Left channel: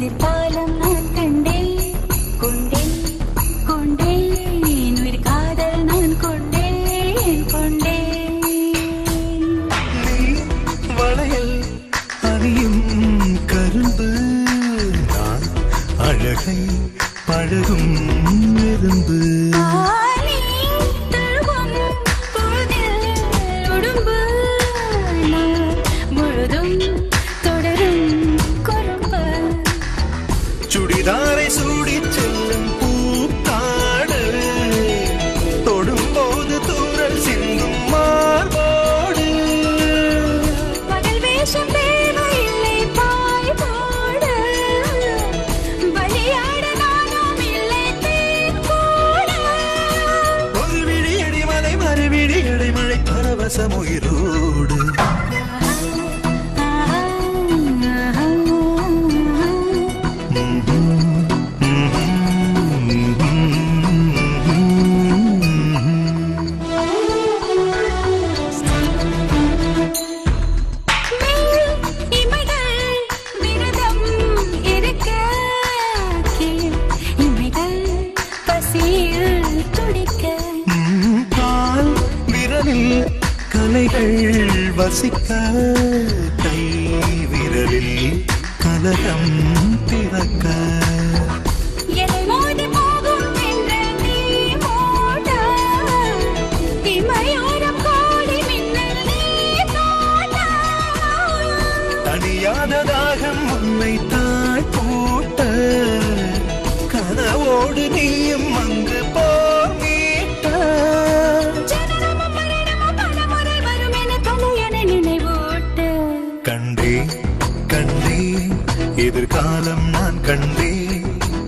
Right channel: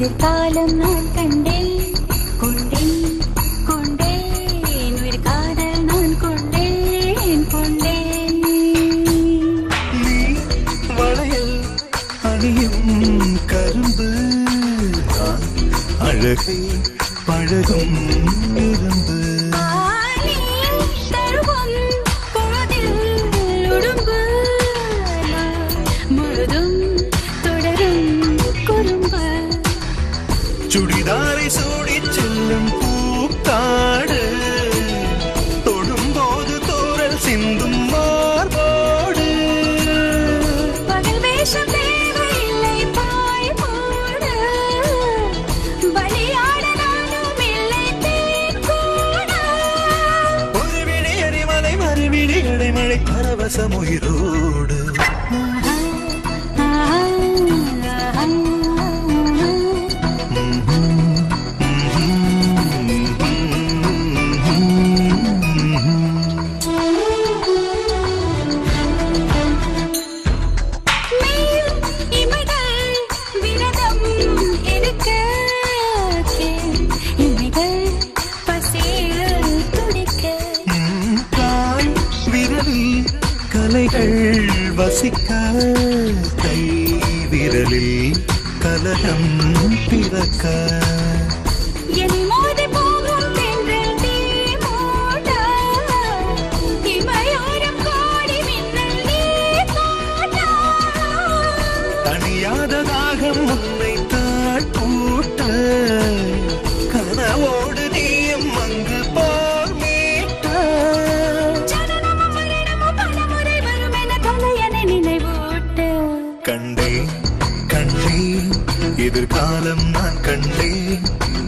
எதிர்காலம் நான் கண்டேன் கொண்டேன் கொண்டேன் உயிர் காதல் நான் கொண்டேன் கொண்டேன். நீ வளையல் அணியும் கரும்பு, நான் அழகை பழகும் இரும்பு. சுடிதாரை சூடி செல்லும் பூக்காடு, தொடும்போது தூரல் சிந்தும் மார்போடு. பகல் வேஷம் தேவையில்லை பாய் போட, வழியாட நானும் இல்லை தேன் கூட. ஒரு விழி அடிமலை மறுவிழி அடைமழை பரவசம் உயிரோடு. கலைகள் வசிக்க கை விரலில் கலகம் பிறக்க. தனியாத தாகம் உன்னை தாழ் கூட்ட, கனவோடு நீயும் அங்கு போர் மீட்ட. கண்டேன் கண்டேன் எதிர்காலம் நான் கண்டேன்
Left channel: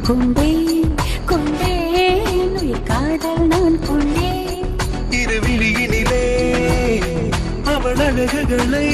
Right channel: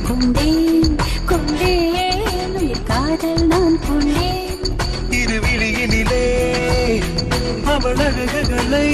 கொண்டேன் கொண்டேன் உயிர் காதல் நான் கொண்டேன். இருவிழியினிலே அவள் அழகுகளை